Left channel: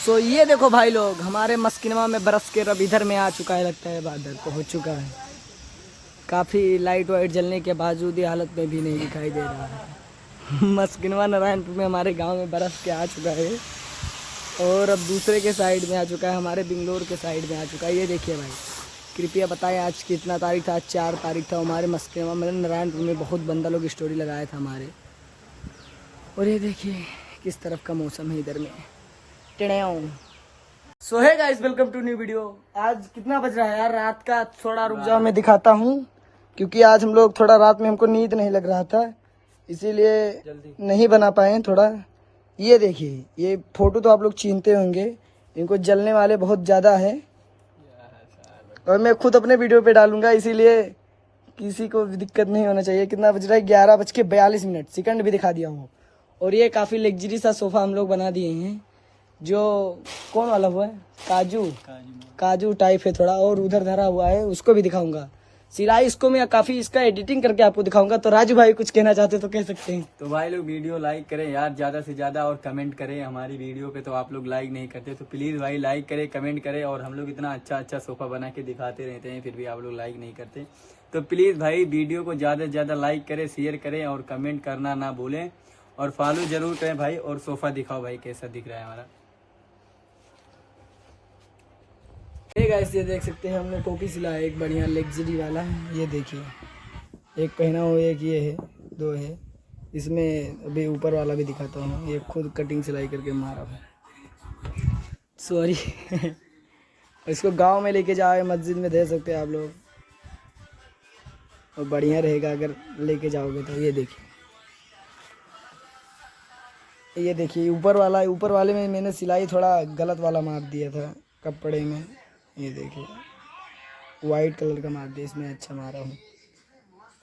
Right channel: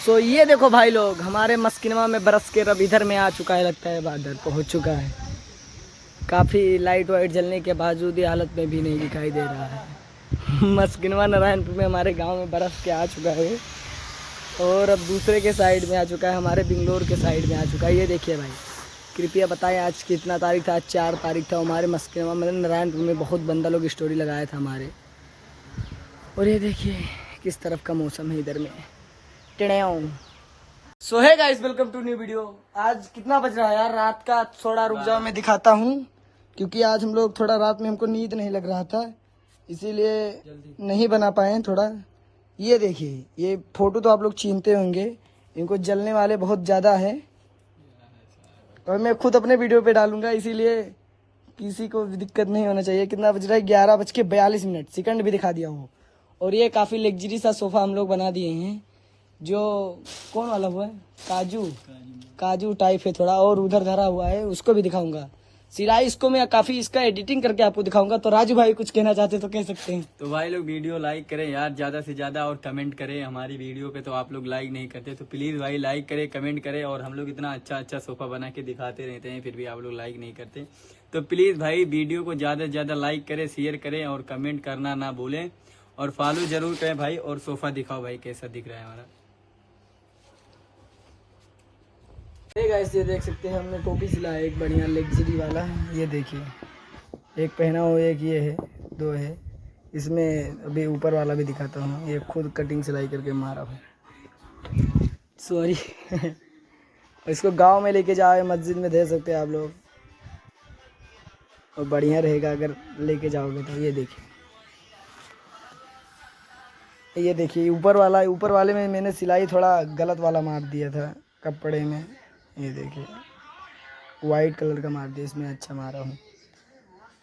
सो ये देखो भाई लोग, हमारे मस्किनवा में बरस के रब इधर में आ चुका है, लगता है बादल पहुंच चुका है। काफ़ी लाइट वाइट जलने के बावजूद ये हालत में भी नहीं दिखाई दे रहा है। मस्किनवा नारायणपुर में हमारे गांव में बरस के आ चुका है और अब दूसरे के साइड में आ चुका है, हमारे बिंगलोर के साइड में आ चुका है। ये देखिए भाई, कृपया बताएं आज कितना तारीख था? आज 4 तारीख था। हमारे मस्किनवा में नारायणपुर में बहुत बंदा लोग स्टोरी लगाया था हमारे। और ये देखिए किस तरफ का मौसम है इधर में। So hi guys, welcome to new video. आज कितना बज रहा है यार? रात का। थोड़ा रुक जाओ मैं दिखाता हूँ, क्योंकि आज हम लोग थोड़ा रात में हमको नींद नहीं लग रहा था, इसीलिए नहीं बना पाए थोड़ा। ये देखिए, ये फोटो तो आप लोग छीनते होंगे, इनको जलने वाले बहुत ज़्यादा है और मैं खुद अपने वीडियो पे डालूंगा, इसीलिए किसी को दिक्कत नहीं होना चाहिए। कितना बज रहा है? 11:42 सेकंड भी दिखा दिया हूँ। और ये काफ़ी लग्जरी सा सोफ़ा हम लोग बना दिए हैं, जो कौन वाला हुआ है? काजू टाइप है थोड़ा, और उधर धरा हुआ है, उसको भी दिखाऊंगा। सिलाई इसको मैं काफी इसका एडिटिंग करके आपको दिखाऊंगा। तो राजू भाई कुछ कहना चाहते तो कह सकते हैं। तो भाई लोग वीडियो लाइक करें यार ज्यादा से ज्यादा, और कमेंट करें हमारी वीडियो पे। तो आप लोग लाइक नहीं करते, तो प्लीज भाई लाइक करें, कमेंट करें। और हम लोग इतना अच्छा अच्छा सोफा बना के दिखाते रहते हैं, फिर भी आप लोग लाइक नहीं करते। तो प्लीज भाई वीडियो को ज्यादा से ज्यादा लाइक करें, शेयर करें और कमेंट करना ना भूलें, और फॉलो जरूर करें भाई। और सोफा दिखाओ भाई कैसा दिख रहा है हमारा। गाइस, ये देख सकते हैं हमने टोपी सिला है, एक बढ़िया लग्जरी वाला। ये देखिए, एक पहना हो, एक ये है, 2 है। इसमें अभी ऊपर वाला भी दिखाता हूँ। ये खुद कटिंग सिलाई करके मारा है, सॉरी। इसको गांव में लेके जाओ, मस्जिद में दे सकते हैं आप लोग, और बढ़िया रहेगा अगर लेके जाओगे तो। ये देखिए ऊपर वाले में मैंने सिलाई थोड़ा गलत वाला मार दिया था कपड़े में। ये देखिए वाइट कलर का मार दिया, इसमें अच्छा मारा हूँ।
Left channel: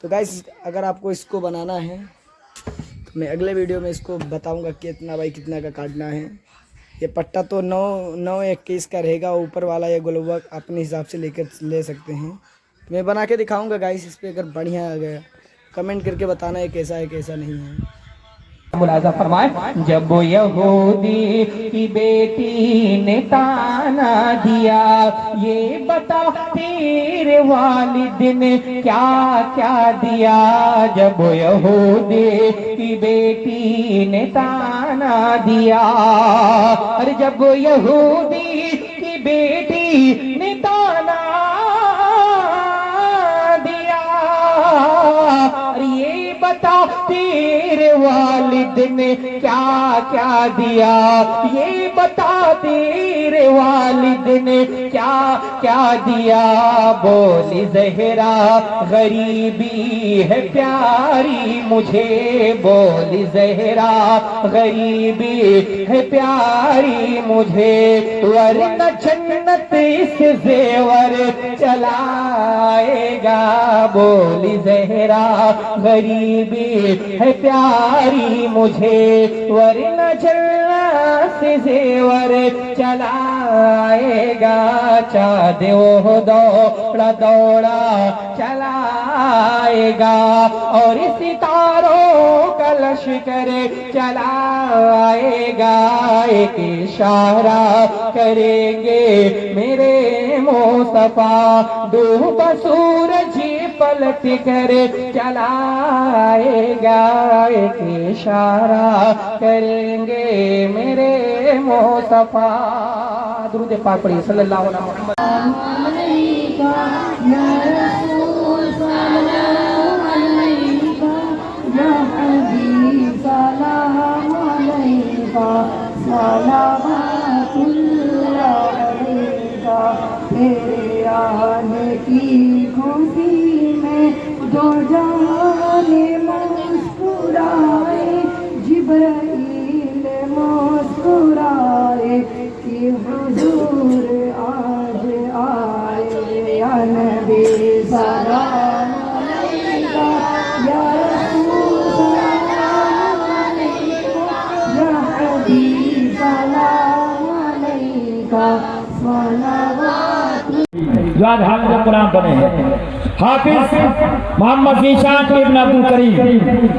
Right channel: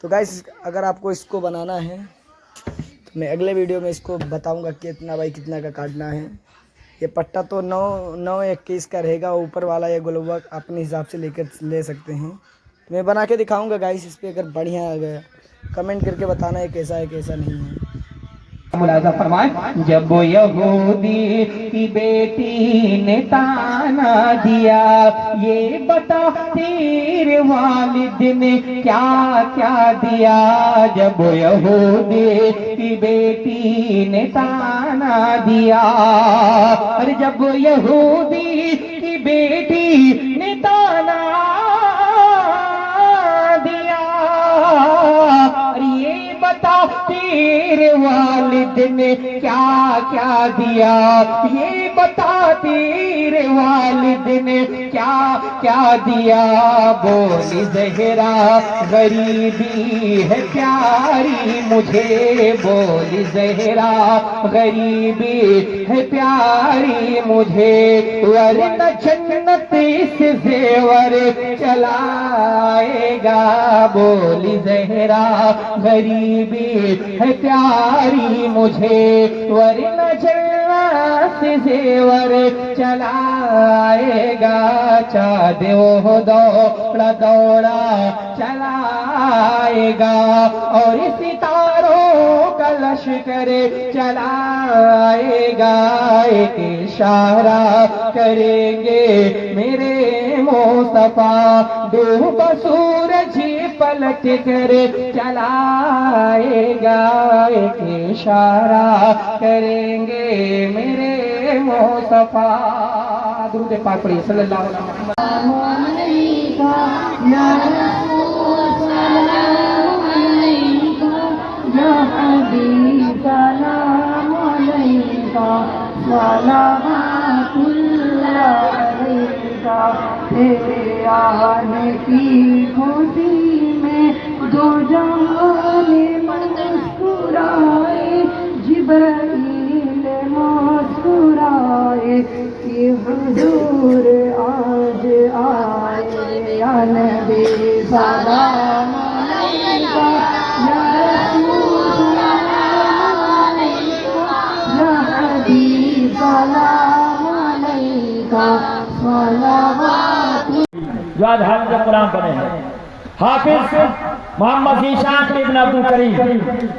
तो गाइस, अगर आपको इसको बनाना है तो मैं अगले वीडियो में इसको बताऊंगा कितना बाई कितना का काटना है। ये पट्टा तो 9-21 का रहेगा, ऊपर वाला ये गोलवा अपने हिसाब से ले सकते हैं। तो मैं बना के दिखाऊंगा गाइस। इस पर अगर बढ़िया आ गया कमेंट करके बताना है कैसा है कैसा नहीं है। मुलाजा फरमाए, जब यहूदी की बेटी ने ताना दिया, ये बता तेरे वालिद ने क्या क्या दिया। जब यहूदी की बेटी ने ताना दिया, अरे जब यहूदी की बेटी ने ताना दिया, अरे ये बता तेरे वालिद ने क्या क्या दिया। ये बता तेरे वालिद ने क्या क्या दिया। बोली ज़हरा गरीबी है प्यारी मुझे, बोली ज़हरा गरीबी है प्यारी मुझे, वरना जन्नत इस जेवर चलाएगा। बोली ज़हरा गरीबी है प्यारी मुझे, वरना जन्नत से जेवर चलाएगा। चाँद वो दौड़ा दौड़ा चलाएगा, और सितारों का लश्कर चलाएगा। एक इशारा करेंगे मेरे मुस्तफा, डूब सूरज पलट कर चलाएगा। एक इशारा करेंगे मेरे मुस्तफा। दुरूद पाक पढ़िए सल्लल्लाहु अलैहि तेरे आने की खुशी में दो जाने मुस्कुराए, जिब्राइल मुस्कुराए कि हुजूर आज आए। या नबी सलाम अलैका, या रसूल सलाम अलैका, या हबीब सलाम अलैका, सलावत। जो आज हाफिज कुरान बने हैं। हाफिज मोहम्मद ज़ीशान इब्न अब्दुल करीम,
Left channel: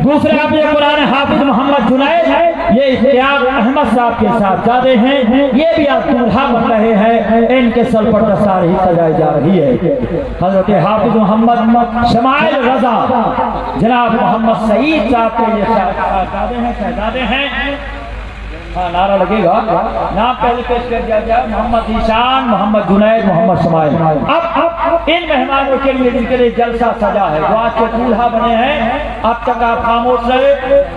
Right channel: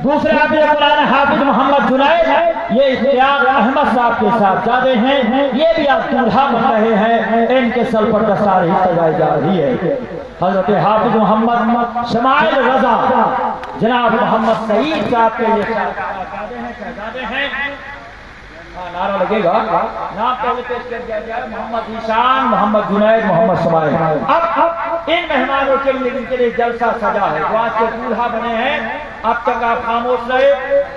दूसरे हाफिज कुरान हाफिज मोहम्मद जुनैद, ये इश्तियाक अहमद साहब के साथ जाते हैं, ये भी आप दूल्हा बन रहे हैं, इनके सर पर दस्तार ही सजाई जा रही है। हजरत हाफिज मोहम्मद शमाइल रजा जनाब मोहम्मद सईद साहब के ये शहजादे हैं। नारा लगेगा, नाम पहले पेश कर दिया जाए, मोहम्मद ईशान, मोहम्मद जुनैद, मोहम्मद शमाइल। अब इन मेहमानों के लिए जिनके लिए जलसा सजा है, जो आज के दूल्हा बने हैं, अब तक आप खामोश रहे,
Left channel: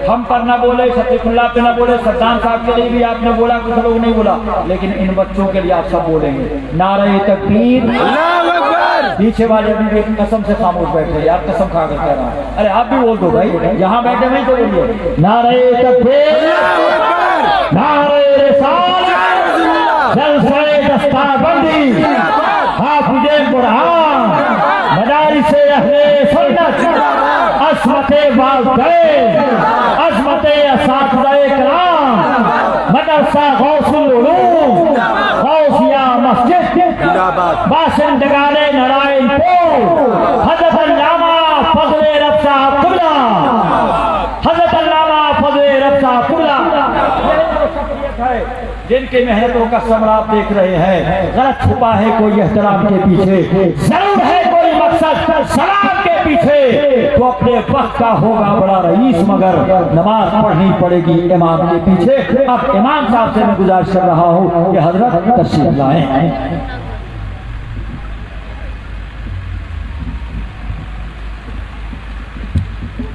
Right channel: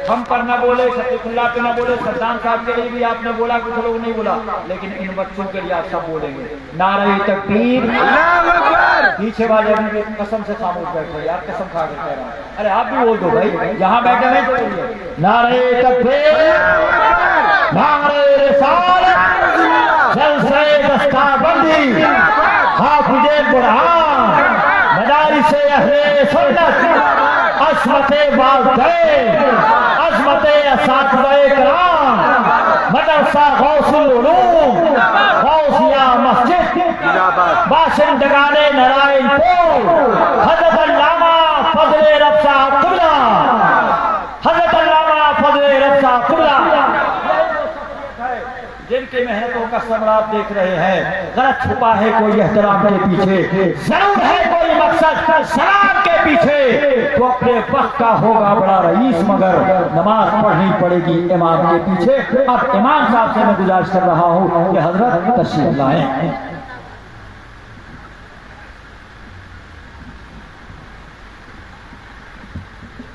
हम पर न बोले, सतीफुल्लाह पे न बोले, सद्दाम साहब के लिए भी आपने बोला, कुछ लोग नहीं बोला, लेकिन इन बच्चों के लिए आप सब बोलेंगे। नारे तकबीर, पीछे वाले भी कसम से खामोश बैठे, यार कसम खा कर कह रहा हूँ। अरे आप भी बोल दो भाई, यहाँ बैठे हैं तो बोलिए नारे तकबीर, नारे रिसालत, जलसे दस्ताबंदी, हाफिज़े कुरान, मदारिसे अहले सुन्नत, अस्मते वालिदैन, अस्मते असातिज़ाए किराम, मदरसा गौसुल उलूम, गौसिया मस्जिद, बाशिंदगाने नारायणपुर, हज़रत अल्लामा फज़ले रफ़्सा अब्दुल्ला, हज़रत अल्लामा फज़ले रफ़्सा अब्दुल्ला, जिनके मेहनतों का समरा आप देख रहे हैं। गलत छुपा है कोई एहतराम के पीछे, जरूर है कोई मकसद शराब के पीछे, तो अपने वक्त का होगा बड़ा रईस, मगर नमाज पढ़नी पड़ेगी इमाम के पीछे। अब इमाम साहब से मैं गुजारिश कर रहा हूँ कि हजरत तशरीफ लाएं।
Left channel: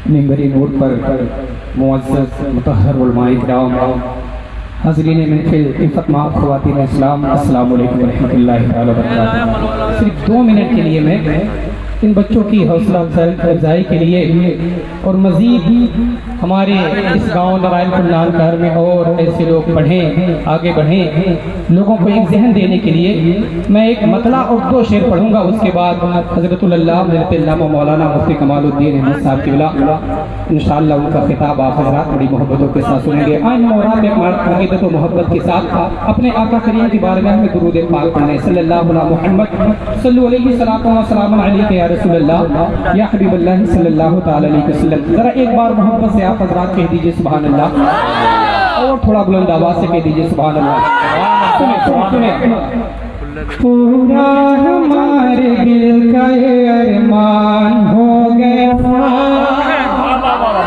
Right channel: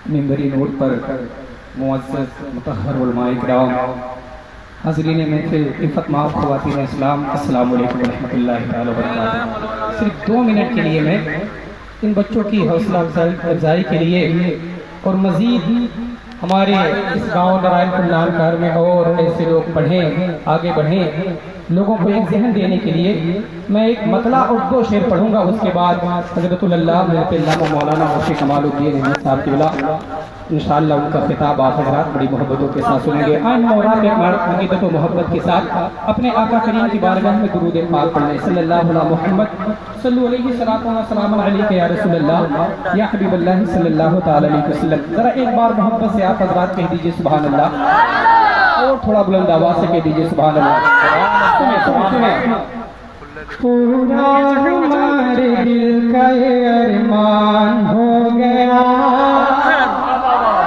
मिंबरी नूर पर मुअज़्ज़ज़ मुतहहर उलमाए किराम, हाज़रीन महफ़िल, इफ़्फ़त माफ़ ख़वातीन इस्लाम, अस्सलामु अलैकुम व रहमतुल्लाहि व बरकातुहू। सिर्फ 2 मिनट के लिए मैं इन बच्चों की हौसला अफजाई के लिए और मज़ीद हमारे इस गांव नारायणपुर नामकार में और ऐसे लोग पढ़ें, आगे बढ़ें, लोगों को एक जहन देने के लिए मैं एक मतला और 2 शेर पढ़ूंगा। उसके बाद हज़रतुल अल्लामा मौलाना मुफ्ती कमालुद्दीन अहमद साहब की बिला इंशाअल्लाह उनका खिताब आप हज़रात बड़ी मोहब्बतों के साथ सुनेंगे। आज उम्मीद तो मोहब्बत के साथ अपने आका करीम की बारगाह में दुरूद पाक पढ़ने, सल्लल्लाहु अलैहि मुहम्मद सल्लल्लाहु अलैहि सलाम अलैका या रसूलल्लाह या हबीबल्लाह सल्लल्लाहु तआला अलैहि वसल्लम। जरा एक बार मोहब्बत से आप हज़रात कह दीजिए सुभान अल्लाह, और थोड़ा बुलंद आवाज से कह दीजिए सुभान अल्लाह। सुने पूरा हमारे दिल का अरमान हो गया,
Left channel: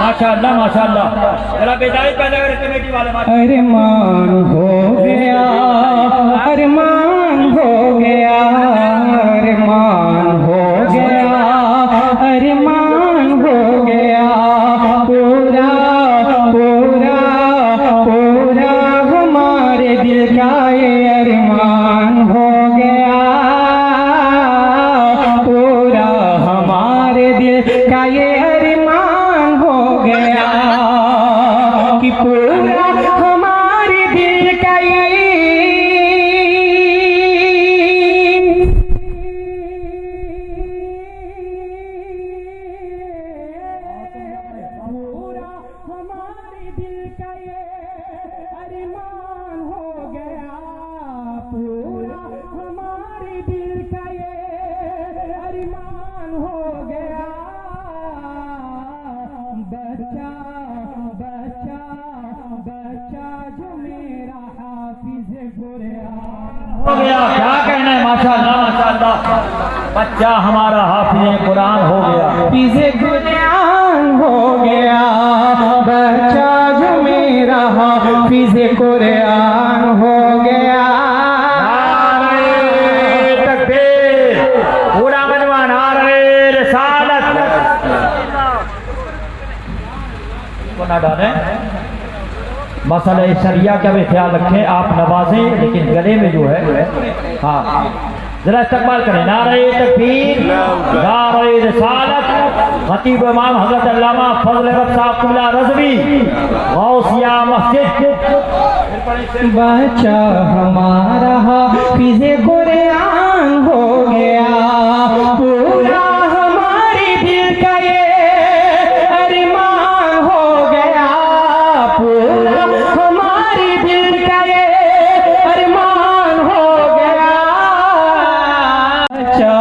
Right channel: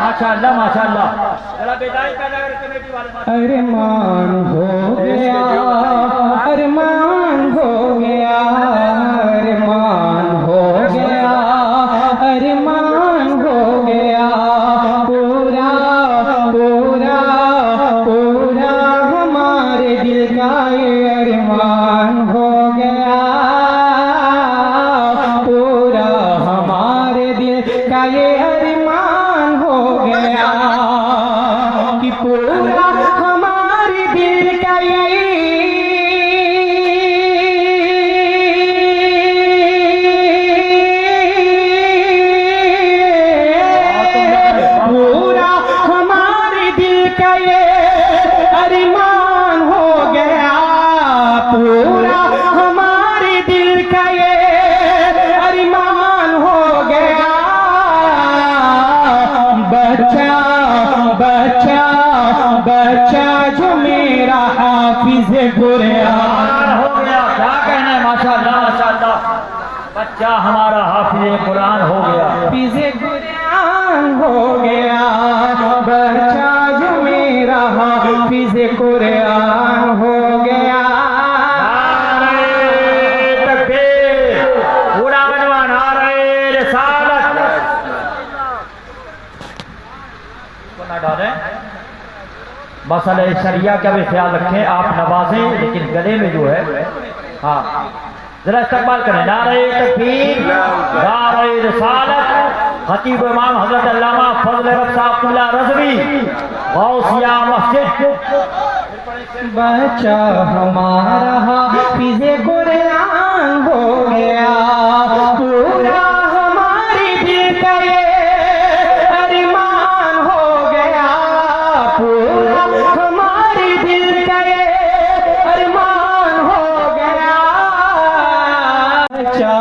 माशाअल्लाह माशाअल्लाह, जरा बेदाई पैदा कर कमेटी वाले अरमान हो गया, अरमान हो गया, अरमान हो गया, अरमान हो गया, पूरा पूरा पूरा हमारे दिल का अरमान हो गया, पूरा हमारे दिल का अरमान हो गया, कि पूरा हमारे दिल का पूरा हमारे दिल का ये अरमान हो गया, पूरा हमारे दिल का ये अरमान हो गया, बच्चा बच्चा बच्चा जो मेरा हाफिज कुरान हो गया। क्या कहना है, माशाअल्लाह माशाअल्लाह, बच्चा हमारा हाफिज कुरान हो गया, हाफिज कुरान हो गया, बच्चा जो मेरा हाफिज कुरान हो गया। नारे तकबीर, पूरा बनवा नारे रिसालत। तो ना डालें, मसले शरिया का भी ख्याल रखें, आप नवाजें लेकिन गले में जो है, हाँ जरा इस्तेमाल करें। नारे तकबीर, नारे रिसालत, खतीब इमाम हज़रत अल्लामा फज़ल रफ़्सा अब्दुल्ला रज़वी, गौसिया मस्जिद। बच्चा हमारा हाफिज कुरान हो गया, पूरा हमारे दिल का ये अरमान हो गया, पूरा हमारे दिल का ये अरमान हो गया, बच्चा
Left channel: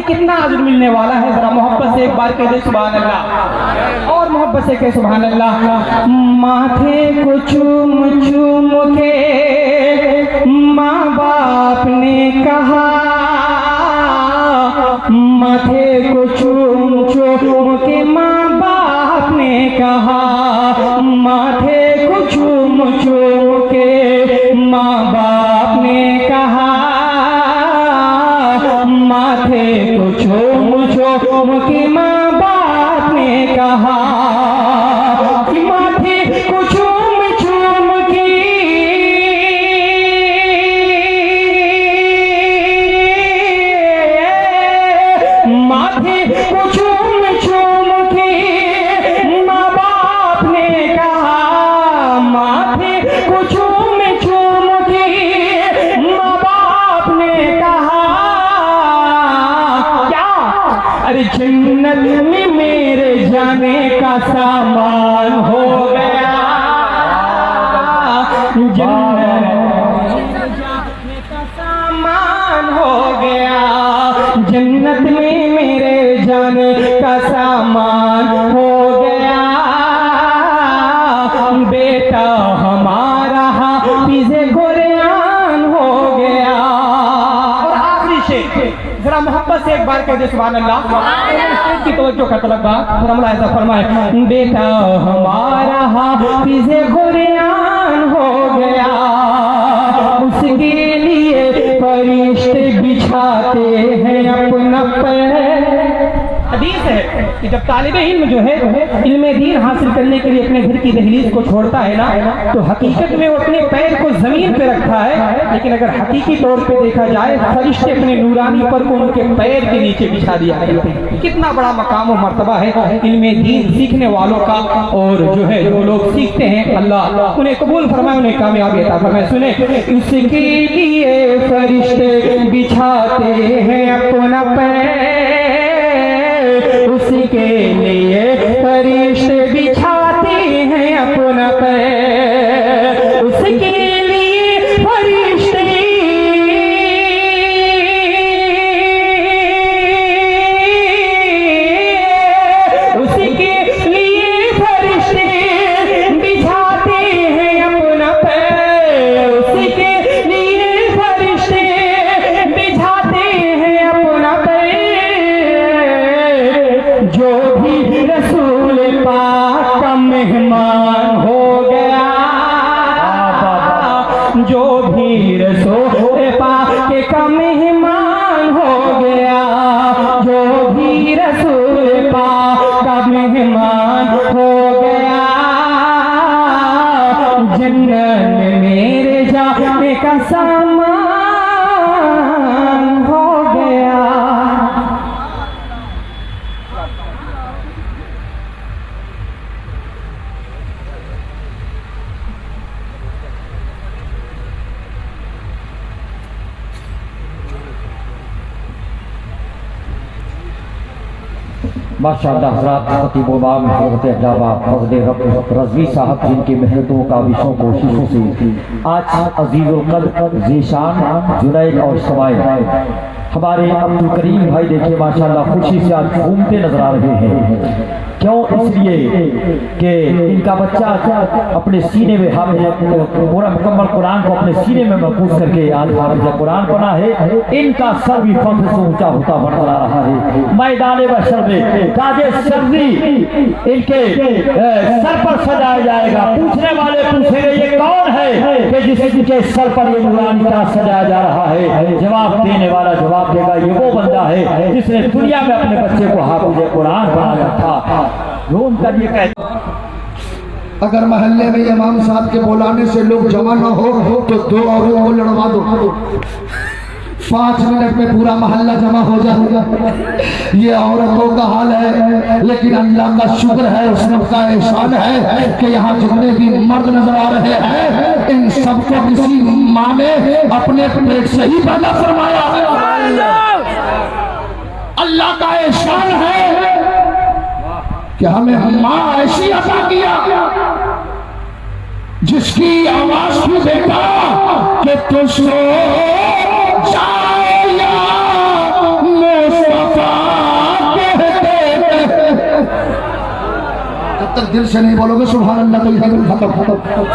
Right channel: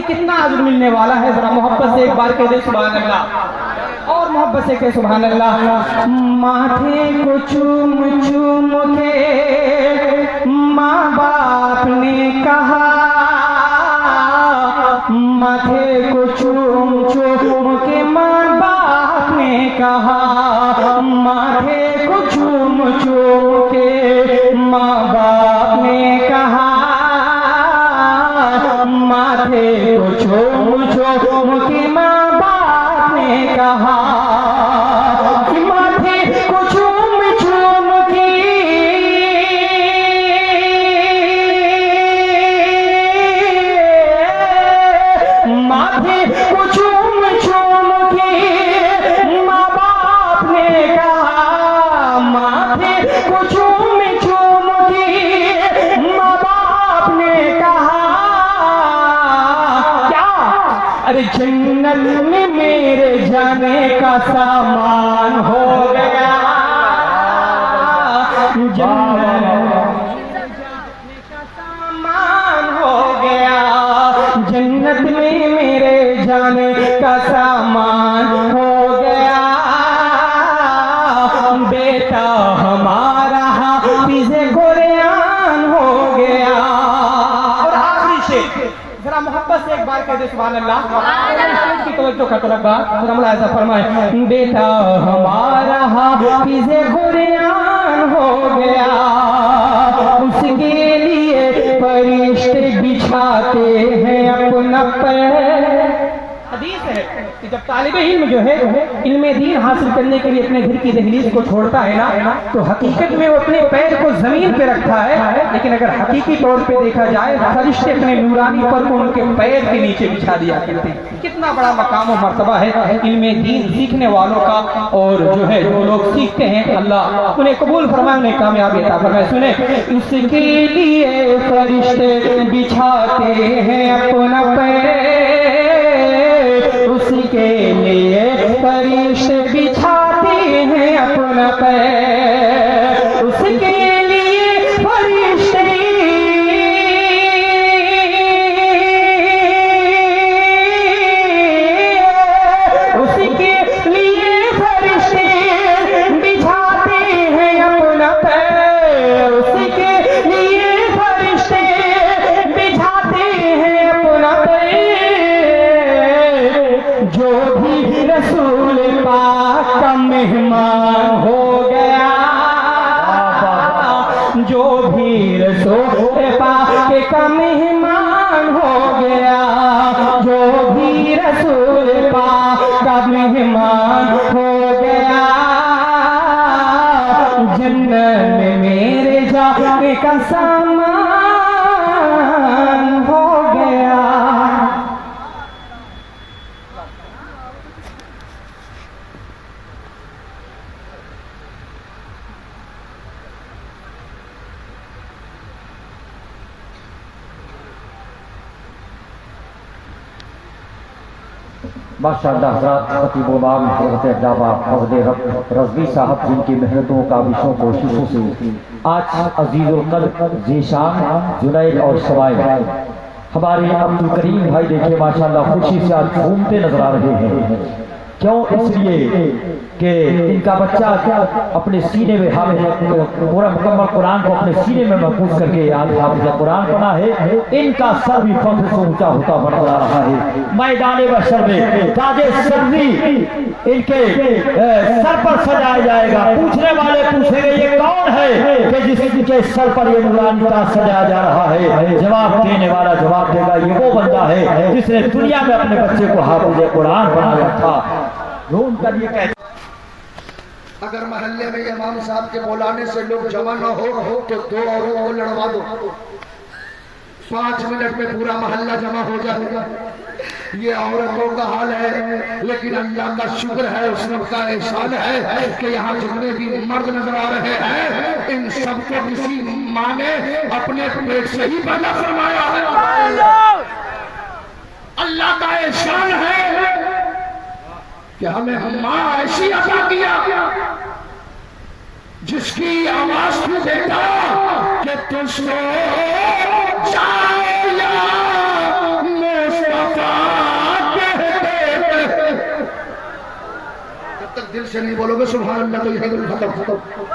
इन्हें कितना अजर मिलने वाला है, जरा मोहब्बत से एक बार कह दे सुभान अल्लाह, और मोहब्बत से कह सुभान अल्लाह। माथे को चूम चूम के माँ बाप ने कहा, माथे को चूम चूम के माँ बाप ने कहा, माथे को चूम चूम के माँ बाप ने कहा, माथे को चूम चूम के माँ बाप ने कहा, कि माथे को चूम चूम के माथे को चूम चूम के माँ बाप ने कहा, माथे को चूम चूम के माँ बाप ने कहा, क्या? अरे जन्नत में मेरे जाने का सामान हो गया, जन्नत में जाने का सामान हो गया, जन्नत में मेरे जाने का सामान हो गया, बेटा हमारा हाफिज़े कुरान हो गया। और आखिरी शेर जरा मोहब्बत से एक बार कह दे सुभान अल्लाह की तवज्जो का तलबा, जरा मुला ऐसा फरमाए, बेटा हमारा हाफिज़े कुरान हो गया, उसके लिए फरिश्ते बिछाते हैं अपना पैर। हदीस है कि जब तालिबे इल्म जो है इल्मे दीन हासिल करने के लिए अपने घर की दहलीज को छोड़ता है ना, तो हकीकत में वो अपने पैर को जमीन पे रखता है, लेकिन अगर हकीकी तौर पे देखा जाए फरिश्ते अपने नूरानी पर को उनके पैर के नीचे बिछा दिया करते हैं। कितना बड़ा मकाम और मर्तबा है इल्मे दीन सीखने वालों का, और जो है जो लोग सीखते हैं अल्लाह उन्हें कबूल फरमाने में कामयाबी अता फरमाए। सुने, उसके लिए फरिश्ते बिछाते हैं अपना पैर, उसके लिए फरिश्ते बिछाते हैं अपना पैर, उसके लिए फरिश्ते उसके लिए फरिश्ते बिछाते हैं अपना पैर, उसके लिए फरिश्ते बिछाते हैं अपना पैर, जो भी रसूल पाक का मेहमान हो गया, जो भी रसूल पाक का मेहमान हो गया, जो भी रसूल पाक का मेहमान हो गया, जन्नत में मेरे जाने का सामान हो गया। माशाअल्लाह हज़रात खतीब इमाम हज़रत अल्लामा हज़रत रज़वी साहब जिनकी मेहनतों का विषयों कोशिशों से आज अज़ीज़ुल क़द्र ज़ीशान जुनैद और सवाइद हमारे अब्दुल करीम भाई देखिए माशाअल्लाह खुशी से आज घूमते नजर आ रहे हैं। क्यों? इसलिए कि इनका बच्चा अपने सीने में पूरा मुकम्मल कुरान को अपने सीने में महफूज करके हाफिज़ कुरान बना है। इनका सर भी फख्र से ऊंचा होता बढ़ रहा है। मैदान बशर में ताजे सर्दी इनके सर पर सजाया जाएगा। पूछने वाले पूछेंगे ये कौन है कि जिसके सर पर ये नूरानी ताज सजाया जा रहा है? जवाब देने वाला जवाब देगा ये वो बंदा है जिसने दुनिया में अपने बच्चे को हाफिज़ कुरान बनाया था। रोम कर ये कहता अगर महल्ले में इमाम साहब के बुलाने से लोग जमा न हो तो दो औरों को लड़वा दो, 5 मिनट में पूरा मोहल्ला जमा हो जाएगा। ये औरतों का हाल है, लेकिन अल्लाह का शुक्र है, उसने का एहसान है कि यहाँ जितने भी मर्द नजर आ रहे हैं इन सबको किसी माँ ने अपने पेट से ही पैदा फरमाया है। अल्लाह का एहसान है कि हमें माँ ऐसी अता किया जिसकी आवाज को देखा कि तुझको जाया मुस्तफा दिल से नहीं बोलोगे सुभान अल्लाह तो यही खत्म।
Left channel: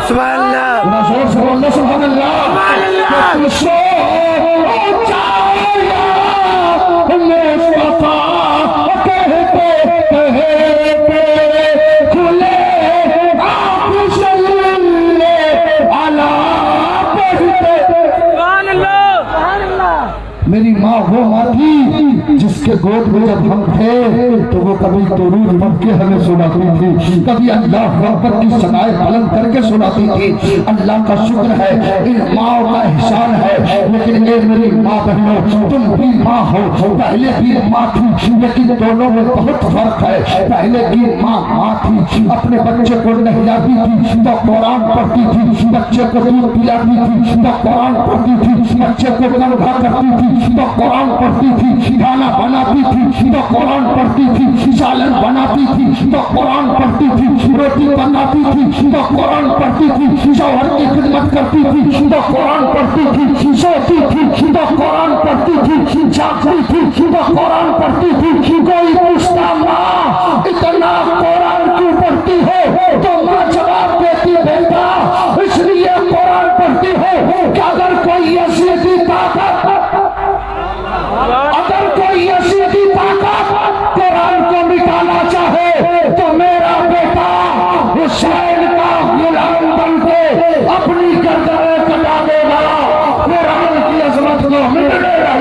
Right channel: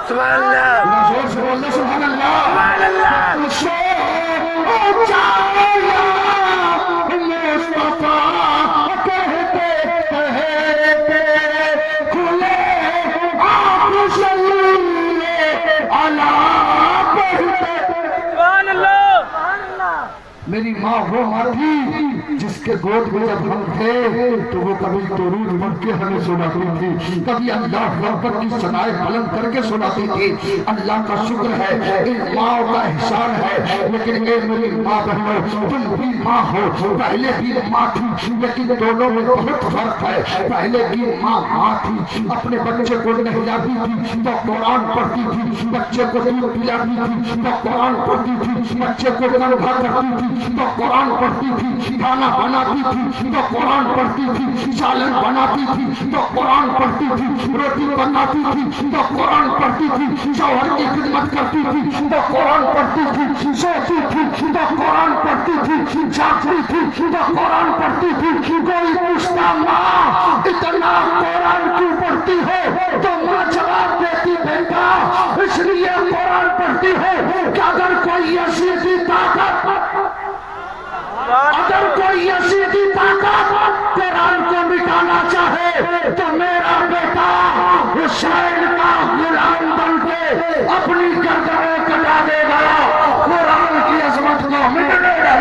सुभान अल्लाह, जोर से बोलना सुभान अल्लाह। तुझसे ऊंचा मुस्तफा कहते कहते खुले आप सल्ले अला पढ़ते। मेरी माँ वो माँ थी जिसके गोद में जब हम थे तो वो कभी दुरूद पढ़ के हमें सुनाती थी, कभी अल्लाह अकबर की सदाएं बुलंद करके सुनाती थी। अल्लाह का शुक्र है, इन माँ का एहसान है। लेकिन ये मेरी माँ बहनों, तुम भी माँ हो, पहले भी माँ थी, लेकिन दोनों में बहुत फर्क है। पहले की माँ थी, अपने बच्चे को नहलाती थी तो कुरान पढ़ती थी, बच्चे को दूध पिलाती थी तो कुरान पढ़ती थी, बच्चे को कंघा करती थी तो कुरान पढ़ती थी, खाना बनाती थी तो कुरान पढ़ती थी, सालन बनाती थी तो कुरान पढ़ती थी, रोटी बनाती थी तो कुरान पढ़ती थी, शौहर की खिदमत करती थी तो कुरान पढ़ती थी, सोती थी तो कुरान पढ़ती थी, जागती थी तो कुरान पढ़ती थी। कोई पूछता माँ इतना कुरान क्यों पढ़ती हो, तो माँ जवाब देती बेटा इसलिए कुरान पढ़ती हो कि अगर कोई ऐसी कुरान को मिटाना चाहे तो मेरा बेटा हुसैन का गुलाम बनके अपनी गर्दनें कटा देगा, कुरान की अजमत को मिटने देगा।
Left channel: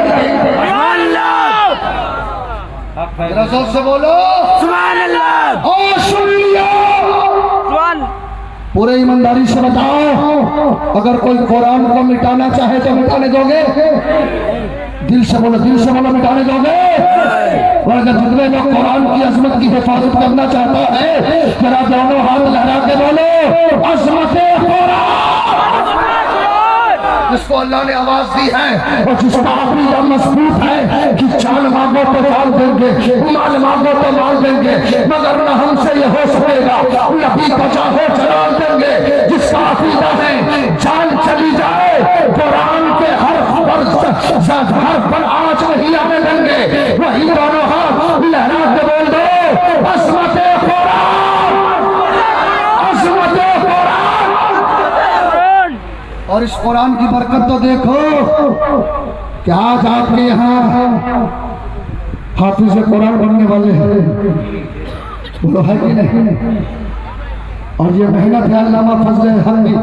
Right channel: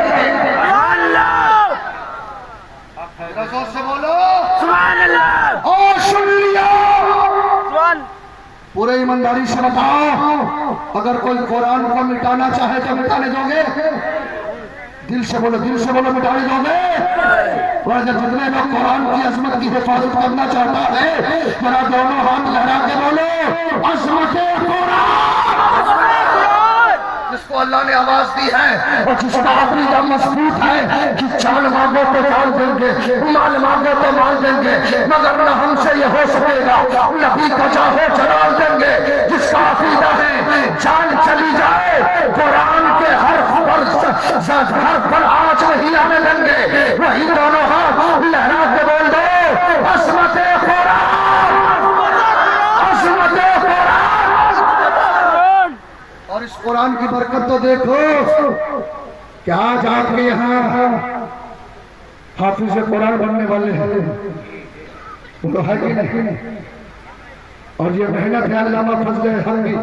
जोर से बोलो सुभान अल्लाह। और सुन लिया, पूरे ईमानदारी से बताओ, अगर कोई कुरान को मिटाना चाहे तो मिटाने दोगे? दिल से बोलो मिटाने दोगे? और अगर जितने लोग कुरान की अजमत की हिफाजत करना चाहता है जरा दोनों हाथ लहरा के बोलो अजमत कुरान। जिसको अल्लाह ने आवाज दी है और जिसका अकीदा मजबूत है कि जान मांगो तो जान देंगे, माल मांगो तो माल देंगे, मगर न हमसे ये हो सकेगा, नबी का चाहो जलाल देंगे। जिसका अकीदा है जान चली जाए कुरान के हर पर आँच नहीं आने देंगे, वही दोनों हाथ लहरा के बोल दो अजमत कुरान, अजमत कुरान। और इस कुरान की बरकत तो देखो कि आज आपके यहाँ हाफिज कुरान बनने वाले हैं, बोलो है कि नहीं? और ये मेहनत है अल्लामा फजले हक की,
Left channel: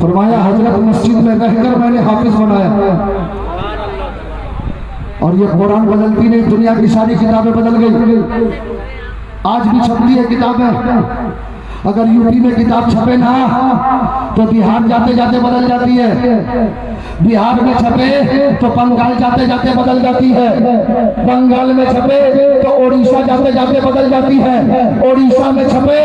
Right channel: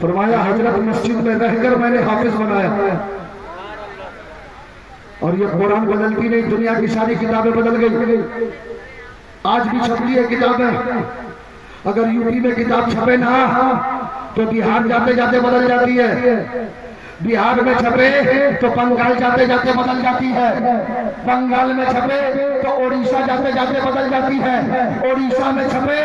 फरमाया हजरत मस्जिद में रहकर मैंने हाफिज बनाया। और ये कुरान बदलती नहीं, दुनिया की सारी किताबें बदल गई, आज भी छपती है किताबें। अगर यूपी में किताब छपे ना तो बिहार जाते जाते बदल जाती है, बिहार में छपे तो बंगाल जाते जाते बदल जाती है, बंगाल में छपे तो ओडिशा जाते जाते बदल जाती है, ओडिशा में छपे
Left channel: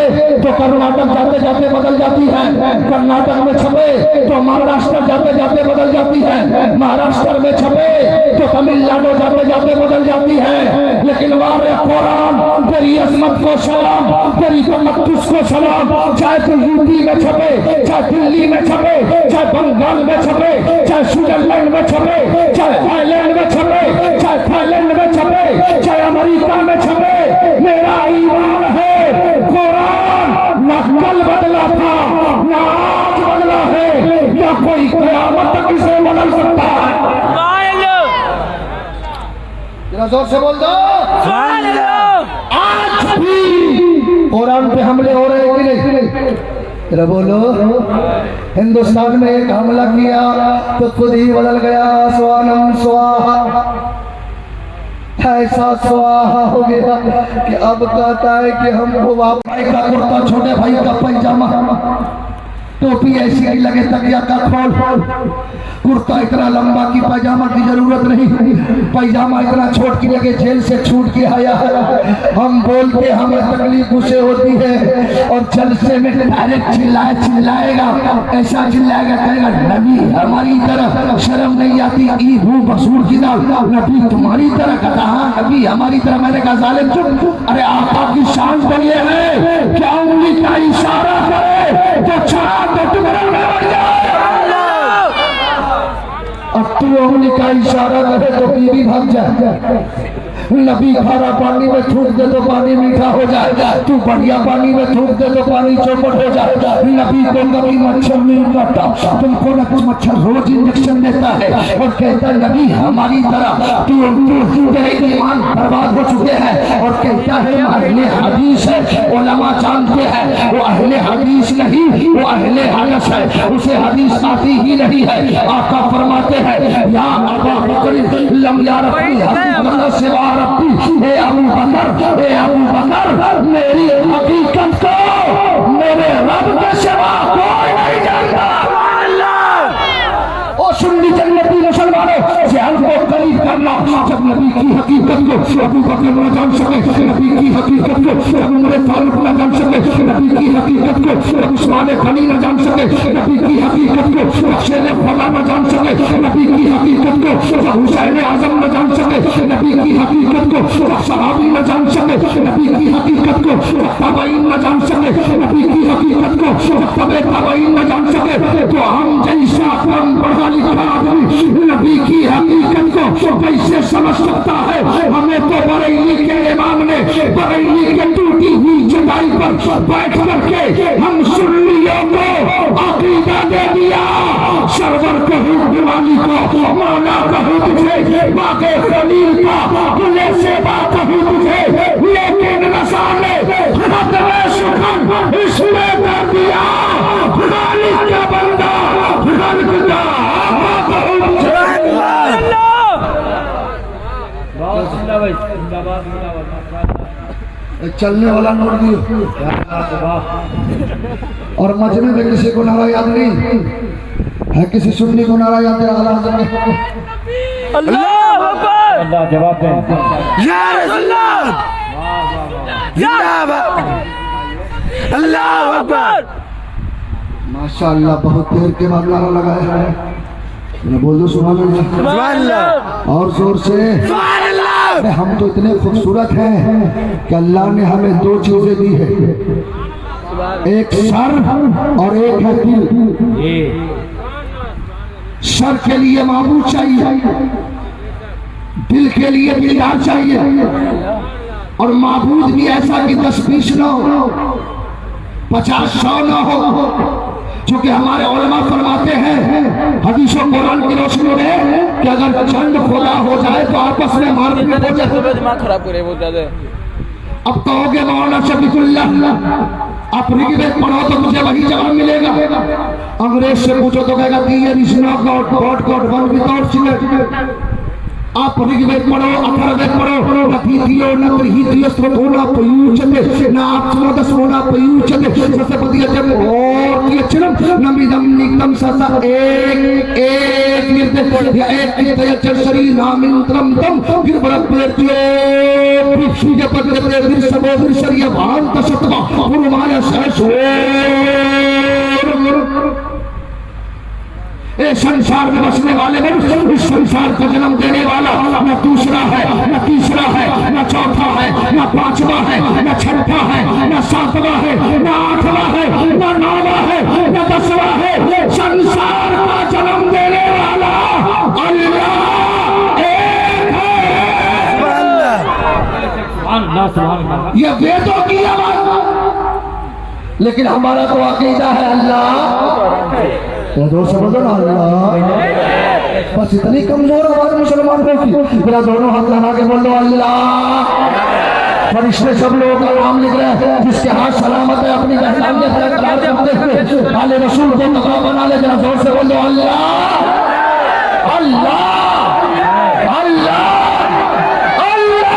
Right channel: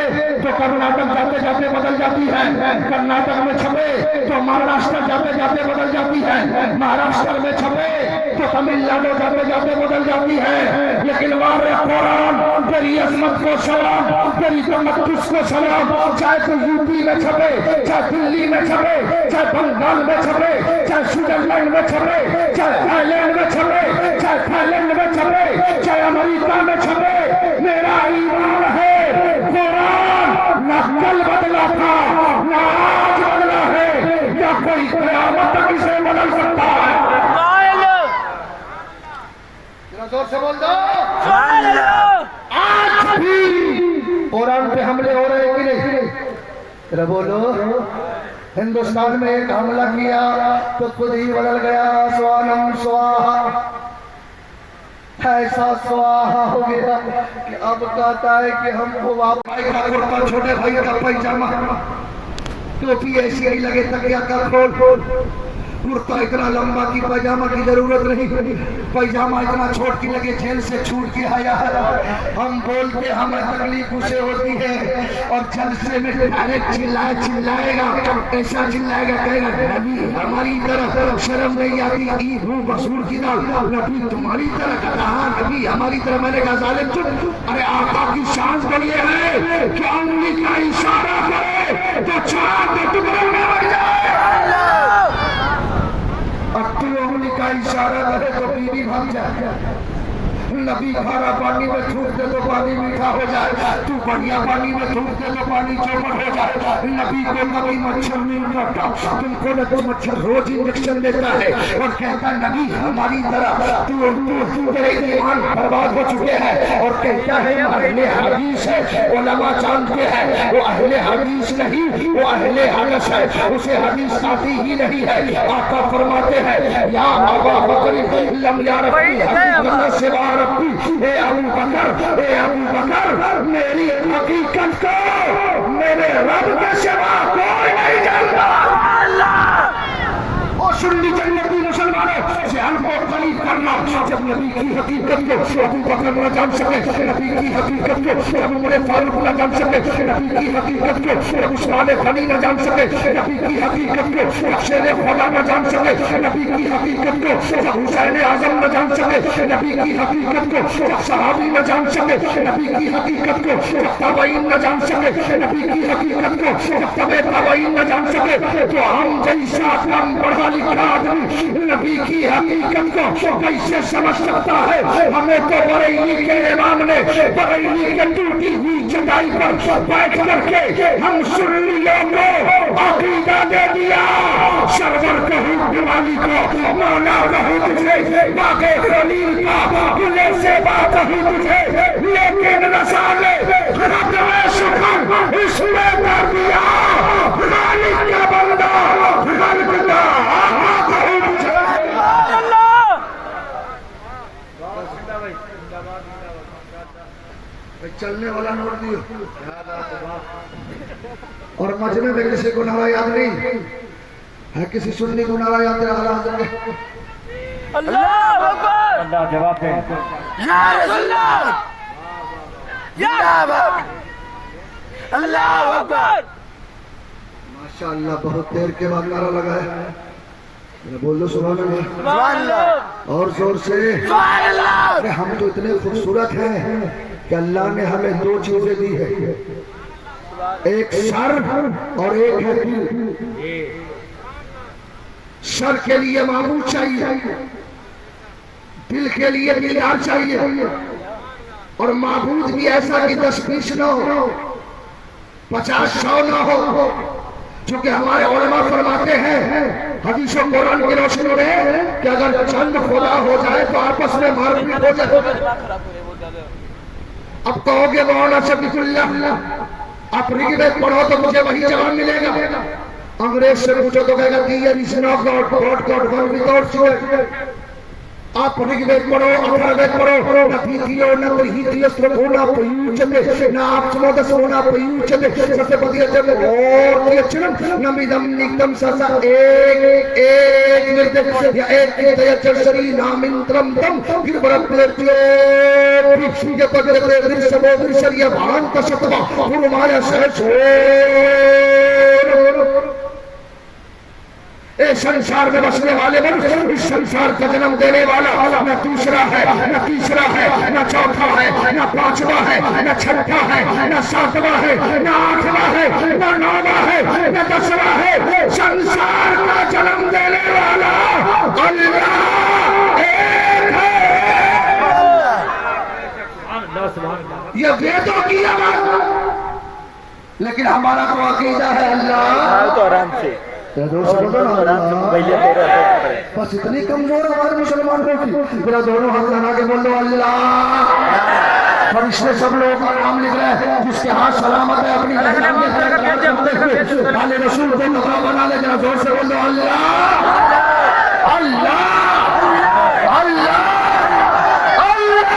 तो कर्नाटक जाते जाते बदल जाती है, कर्नाटक में छपे तो महाराष्ट्र जाते जाते बदल जाती है, महाराष्ट्र में छपे तो तमिलनाडु जाते जाते बदल जाती है। लेकिन वारे कुरान तेरी अजमत को सलाम, तेरी तमक्कुस को सलाम, चाहे तो यूपी में छपे, चाहे दिल्ली में छपे, चाहे बंगाल में छपे, चाहे स्विट्जरलैंड में छपे, चाहे थाईलैंड में छपे, चाहे थाईलैंड में छपे, चाहे अमेरिका में छपे, मेरा ईमान है कुरान न कल बदला था न आज बदला है, न कोई क़यामत तक इसे बदल सकता है। जरा जोर से बोल दो आज भी कुरान पे हमले हो रहे कि नहीं? जरा बोलो। हिंदुस्तान में एक हमला किया तो खुद ही बदल गया, स्वानम स्वाहा, ऐसा स्वाहा हो गया कि अब कहता है कि हमको भाई का कुर्ता, छोटे भाई का पैजामा, टोपी ऐसी ही लगे, तकिया का खोल, कुर्ता इतना लंबा कि पैजामा की जरूरत नहीं, पैजामा इतना छोट की लगे जेल से छूट के आया है। हम बोलते हमें तकलीफ उसे होती है और जलसे में डायरेक्ट चिल्लाएगा, ऐसा चिल्लाएगा, कहेगा नबी हमारी तरह शर्म नहीं आती, ई हूँ बसूर जिदा, नबी तुम्हारी तरह कहता, हाँ नबी हमारी तरह। मैंने कहा जालिम चुप, अरे आका की शान तो ये है क्या उंगली का इशारा करे तो चांद के टुकड़े में बढ़ जाए, उंगली का इशारा करे तो बीवी भाग जाए, नबी खारा पानी में थूक दे तो पानी मीठा हो जाएगा, तू बढ़िया पानी में थूक दे तो पानी चौपट हो जाएगा। नबी को कभी मच्छर नहीं काटा, तुमको न कुछ मच्छर रोज इंजेक्शन देता है और कहता है नबी हमारी तरह तू तेरे ईमान बर्बाद हो चुके हैं, और कहता है अहले हदीस है। उलमा जानते हैं वो अहले हदीस नहीं, वो अहले हदस है, उसे हदीस आती ही नहीं है। आका फरमाते हैं या अबा बकर लम या रब्बी हकीकत से वा रब्बी, हे अबू बकर, हे अबू बकर मेरी हकीकत को मेरे रब के सिवा कोई नहीं जानता। और सुन्नी जन्नती मुसलमानों ध्यान को करीब करना, जब नबी की हकीकत को अबू बकर न जान सके, नबी की हकीकत को जब उमर फारूक न जान सके, नबी की हकीकत को जब उस्मान गनी न जान सके, नबी की हकीकत को शेर खुदा न जान सके, नबी की हकीकत को जब हुसैन आजम न जान सके, नबी की हकीकत को जब सहाबी न जान सके, नबी की हकीकत को जब ताबईन न जान सके, नबी की हकीकत को जब तबे ताबईन न जान सके, तो हम जैसा कम पढ़ा लिखा आदमी नबी की हकीकत को कैसे समझ सकता है। हमें तो बरेली के इमाम ने बरेली के टूटी हुई चटाई पर बैठ करके हम सुन्नियों को अकीदा दे दिया। सरवर कहूँ दिवाली को, मौला कहूँ तुझे, बागे खलील का खुले से बात कहूँ तुझे, लेकिन रसाले हक में सुखन इसमें कर दिया। मालिक का बंदा खल्क का आका कहूँ तुझे। चलने वाला नोट दियो, और मजमे में किसी को नारा याद नहीं है, किसी सुन्नी को नारा याद है। अल्लाह अकबर, अल्लाह जवाब दे या रसूलल्लाह, जिंदाबाद, अल्लाह अकबर। माशाअल्लाह बहुत देर के बाद नारा लगाया है, बोल दो सुभान अल्लाह और जोर से। अरे हम तो इतने खूबसूरत हैं कि अल्लाह ने हमें दो चीजें दी है, एक सर और एक है दिल। सर के लिए माबूद चाहिए, दिल के लिए दिलदार चाहिए, और माबूद भी ऐसा कि 10-20 न हो, 50-100 न हो। क्योंकि हमारे उलमा फरमाते हैं हदीस और कुरान की रोशनी में कि अगर चंद खुदा हो जाए तो आपस में मारपीट हो जाए। दिमाग खराब करे वो ज्यादा। अब कहोगे मौलाना शफीकुल्लाह आप ऋग्वेद पढ़ो तो मुझे वही जवाब मिलेगा। अंग्रेज से पूछो तो कहेगा दियर is not God, God one without children. आप ऋग्वेद पढ़ो, अथर्ववेद पढ़ो, न थीथियो न त्रिहितियो स्वधोना प्रयुज्यते न आत्मोदसोना प्रयुज्यते सत्यपतिय जब और ये चिरम नमिदम निकम ससा एक निर्देश या एक निर्देश शरीर नामिंत्रम तम फिर बरप्लेत्यो ये पद्य दृश्यबो दृश्य भांत सत्वा पुरमाया सहसो। ए संसार में बसने वाले मनुष्य, इस संसार को जन्म देने वाला न दूसरा है, न तीसरा है, न चौथा है, न पांचवा है, न छठा है, न सातवां है, न आठवां है, न नौवां है, न 10वां है। संसार का जन्म देने वाला अल्लाह एक है। ये वेदों की आवाज, लेकिन हमारा तो अकीदा है अल्लाह। जोर से बोलो ना अल्लाह। बस इतनी कमजोर आवाज मुसलमान की, मेरा दोनों हाथ लगा के बोलो अल्लाह। फरिश्ते सब लोग का नाम लिख रहे हैं, जिसके हाथ सलामत है अपनी जहन्नम में वाले रसूल को तबा बना ले। जरा जोर से बोलो अल्लाह अल्लाह अल्लाह अल्लाह।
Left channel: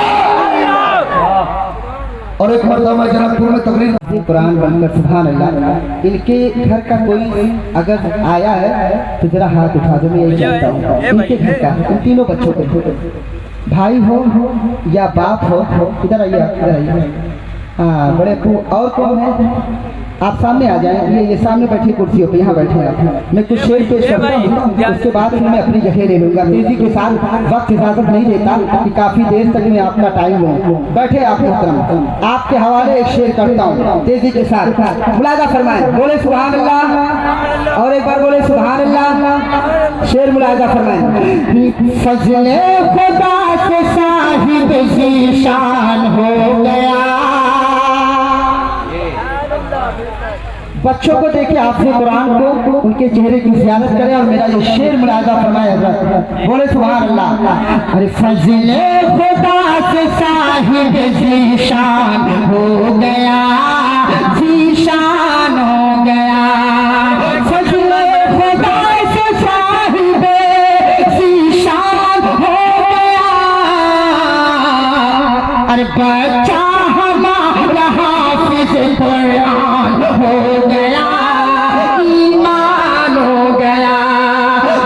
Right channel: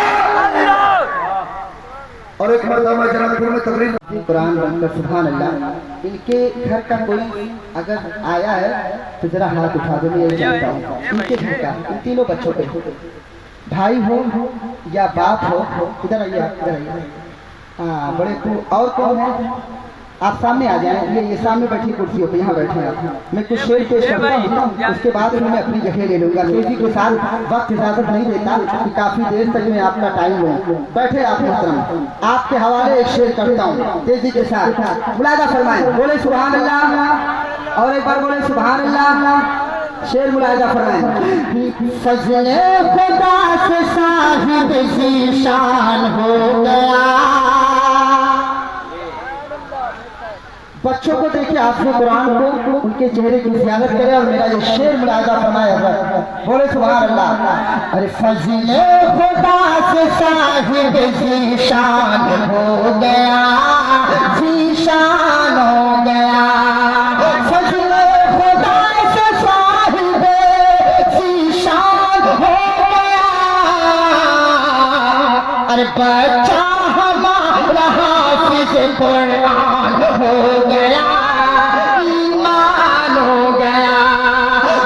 और एक मरतबा जनकपुर में तकरीर कुरान बनकर सुभान अल्लाह। इनके घर का कोई अगर आया है तो जरा हाथ उठा दो, मैं यही जानता हूँ इनके घर का, इन तीनों बच्चों के भाई हो या बाप हो, इधर आइए, इधर आइए। हाँ बड़े और कौन है? आप सामने आ जाए, ये सामने बैठी कुर्सियों पे, यहाँ बैठे आप। मैं कुछ शेर पेश करूँगा, उसके बाद मैं अपनी जगह ले लूँगा। तेजी के साथ वक्त इजाजत नहीं देता कि काफी देर तक मैं अपना टाइम लूँ। बैठे आप मोहतरम, आपके हवाले एक शेर करता हूँ तेजी के साथ, मुलाजा फरमाएं। बोले सुभान अल्लाह, और एक बार बोले सुभान अल्लाह। शेर मुलाजा फरमाएं। सजने खुदा के साथ साहिब ज़ीशान हो गया। बच्चों को देखे आपसे कुरान को, उनके चेहरे की ज़ियारत करें और मेरा ये शेर मुलाजा फरमाया जाए। बोले सुभान अल्लाह। अरे फज़ले खुदा से साहिब ज़ीशान हो गया, ज़ीशान हो गया। फज़ले खुदा से साहिब ज़ीशान हो गया। अरे बच्चा हमारा हाफ़िज़ कुरान हो गया, ईमान हो गया।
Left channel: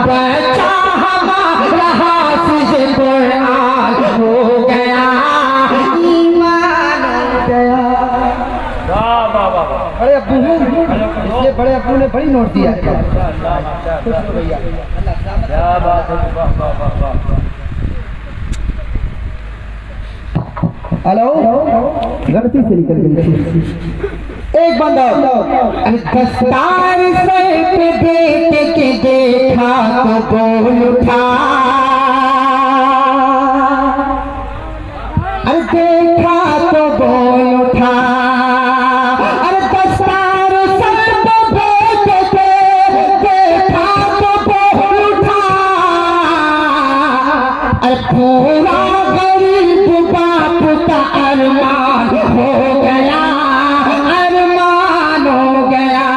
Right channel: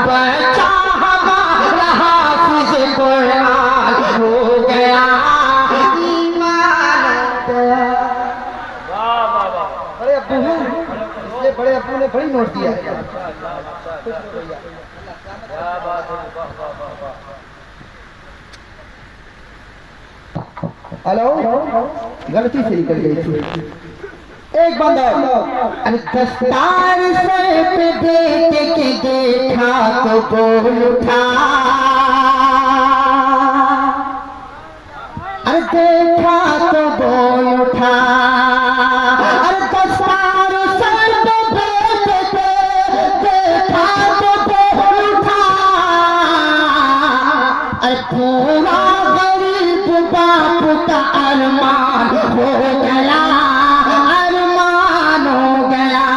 बच्चा हमारा हाफ़िज़ कुरान हो गया, ईमान हो गया। बड़े अब्बू हैं, इसलिए बड़े अब्बू ने बड़ी नोट दिया है। हेलो, गलती से निकल गई। एक बंदा दस्तार सर पे देख के देखा तो बोल उठा, देखा तो बोल उठा। अरे दस्तार सर पे देख के देखा तो बोल उठा। अरे पूरा गरीब बाप का अरमान हो गया, अरमान हो गया।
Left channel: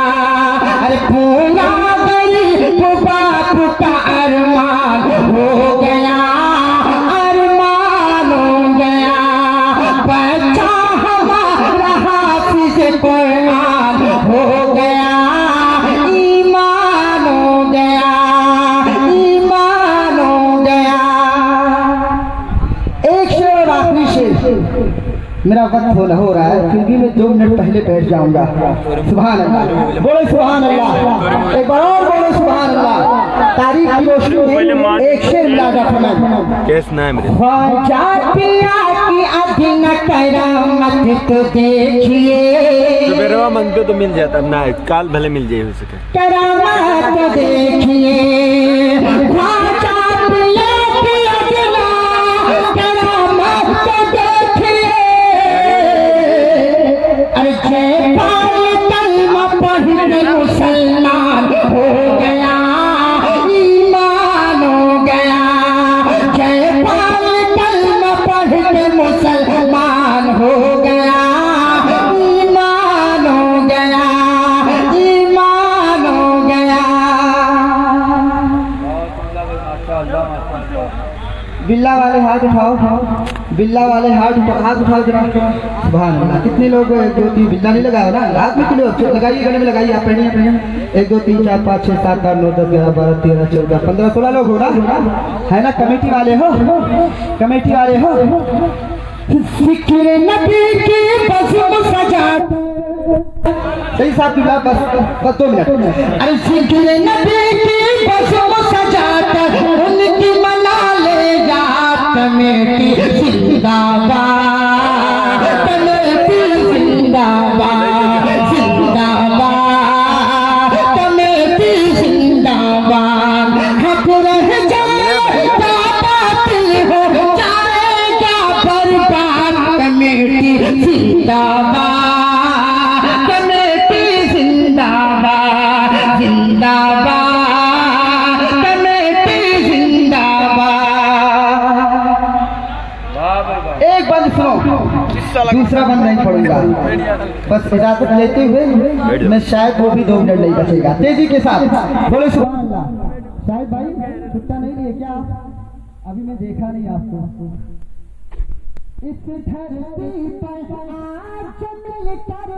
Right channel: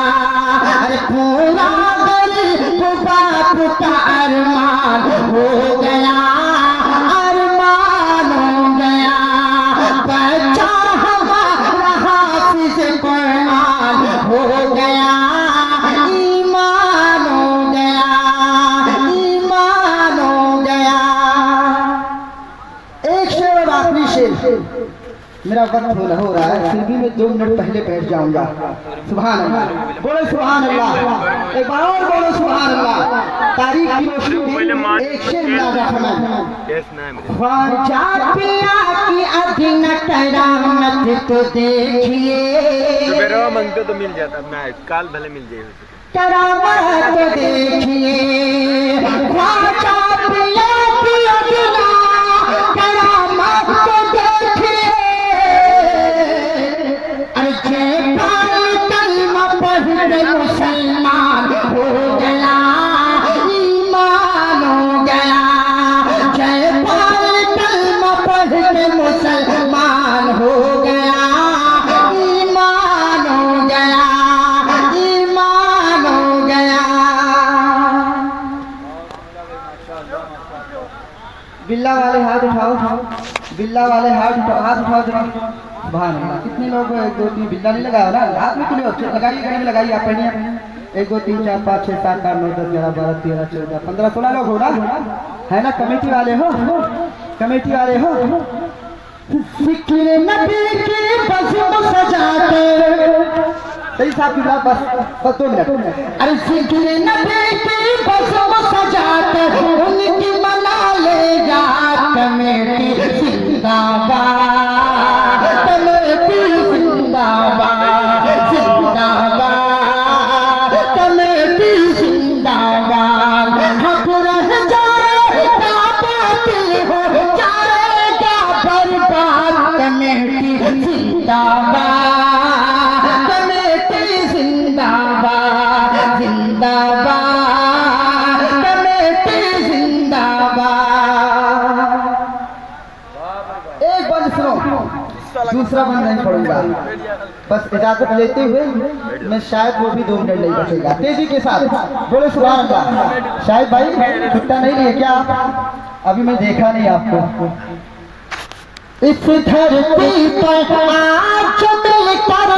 अरे पूरा गरीब बाप का अरमान हो गया, अरमान हो गया। बच्चा हमारा हाफ़िज़ कुरान हो गया, ईमान हो गया, ईमान हो गया। एक शेर और आखिरी शेर, मेरा वक्त हो रहा है, फिर भी मैं 2 मिनट पहले बैठ जाऊंगा। सुभान अल्लाह, बोले सुभान अल्लाह। एक बार और बोले सुभान अल्लाह। तारीख की रोशनी में एक शेर मुलाजा फरमाएं। ख्वाजा पिया की अधीन करामत तो देखिए, बेरवा मांगते तो मिल जाता ना, काल भले मिल जाए हो सके। करामत तो देखिए, ख्वाजा पिया की अधीन करामत तो देखिए। अरे कलमा पढ़ मुसलमान हो गया, ईमान हो गया। जयपाल कलमा पढ़ मुसलमान हो गया, ईमान हो गया, ईमान हो गया। बिल्ला वाले हाथ उठाओ, बिल्ला वाले हाथ उठाओ जरा। सुभान अल्लाह। कितने लोग 1 2 3 बिल्ला नहीं लगाया ना, हाथ में कितने लोग लगाइए, गले में लगाइए। आप पढ़िए 1 2 3 4 5 6 7 8 9 10 11 12 13 14 15 16 लोग हो रहा है ना। कमेटी वाले हो, कमेटी वाले हो। ज़िक्र नबी की बज़्म सजाते, सही साहब की बात, बस 2 मिनट। अरे ज़िक्र नबी की बज़्म सजाते, उनकी मना ले याद कमेटी जिंदाबाद, कमेटी जिंदाबाद, जिंदाबाद, कमेटी जिंदाबाद। हक रह जाएगा, बातिल हो जाएगा बर्बाद, कमेटी जिंदाबाद, कमेटी जिंदाबाद, जिंदाबाद, कमेटी जिंदाबाद। एक बात सुनो, दूसरा बंद नहीं पड़ूंगा, बस इजाजत लेते हुए मैं शायद वो भी 2 मिनट नहीं बचेगा। तेजी के साथ बोले सुभान अल्लाह। शायद भाई छुट्टा नहीं है क्या आप? अभी मैं देखा नहीं आपको। इस धरती पर आज मिलकर